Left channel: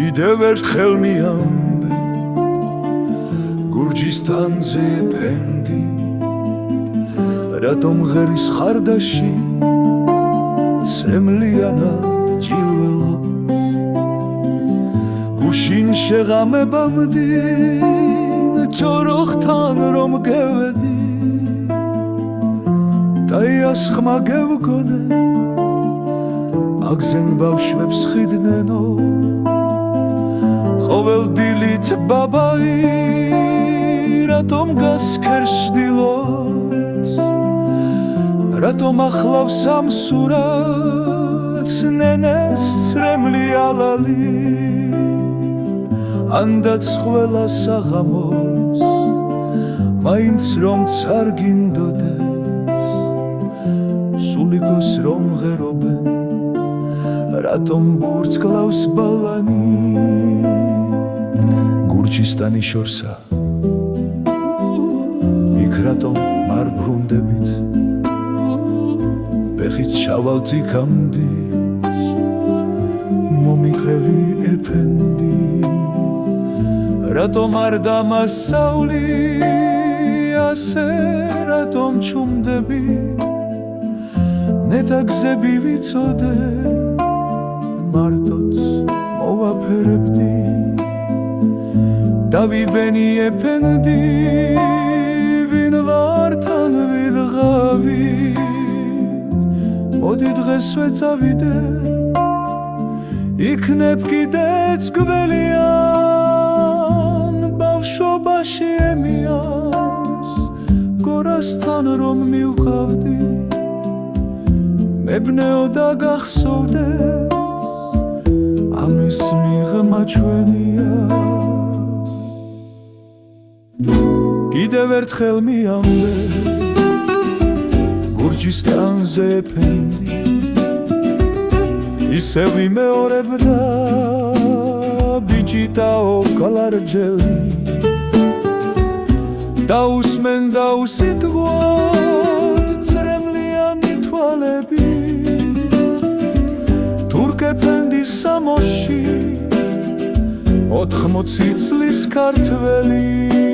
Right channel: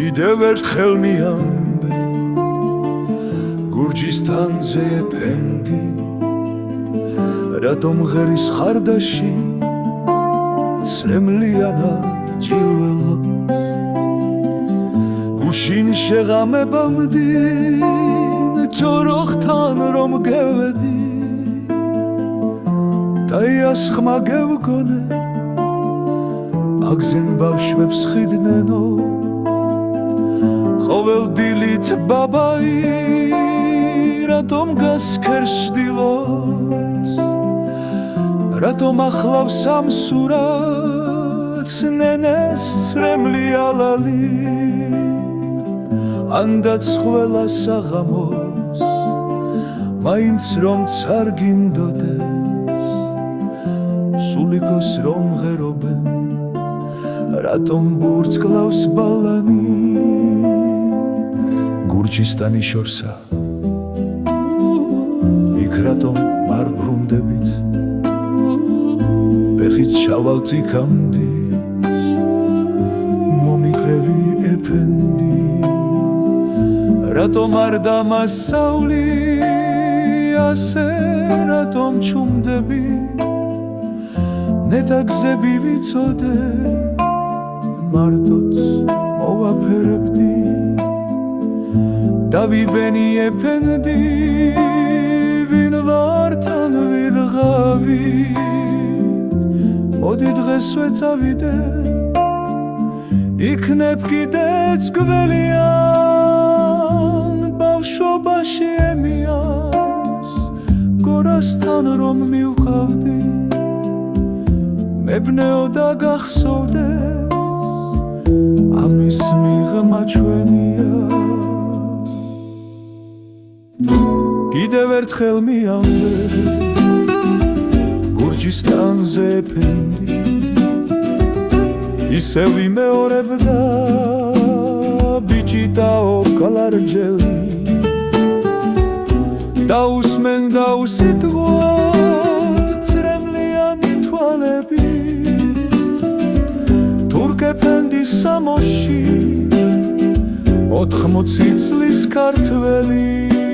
კიდევ ერთხელ მიამბე გურჯისტანზე ეფენდი რატომ ღერის ხარდაში ცრემლიანად ჯილველობს გუშინ შეღამებამდინ ჯოროხთან რომ გევედი და იას ხმა გევგონე აგზენ ბავშვებს ხიდნენო ყოველ დილით ბაბაი რატომ გასქერს დილოც რატომ ახლავს ამ სურათს ნენეს ცრემლი ალალი ანდაც ყველას აღამოს მაინც რომ წარგინდოდეს სულიკოს რომ ღერობენ რატომ ბურთს კლავს ბალანი გურჯისტანი შორსა იქ რატომ მარ ბრუნდებით ბეხით ჩავალთ იქამდე მომიყრევი ეფენდი რატომ არ დამასწავლი ასე რატომ ჩუმდები ნეტა გზები ვიცოდე მარტოც მოვაფერებდი დავიბენი ეფენდი ვინ ვარ თან ვიღავით მოდი დღესვე წავიდეთ იქნებ კიდეც გველიან ბავშვობაში ემიას გორასთან რომ მივყავდი მებნეო და გახსოვდეს ამის მიღმა ჩვენია კიდევ ერთხელ მიამბე გურჯისტანზე ეფენდი ისევ იმეორებდა ბიჭიტაო კალარჯელი დაუსმენდა უსიტყვოდ ცრემლიანი თვალები თურქ ეფენდის სამოში 80 წლის ქართველი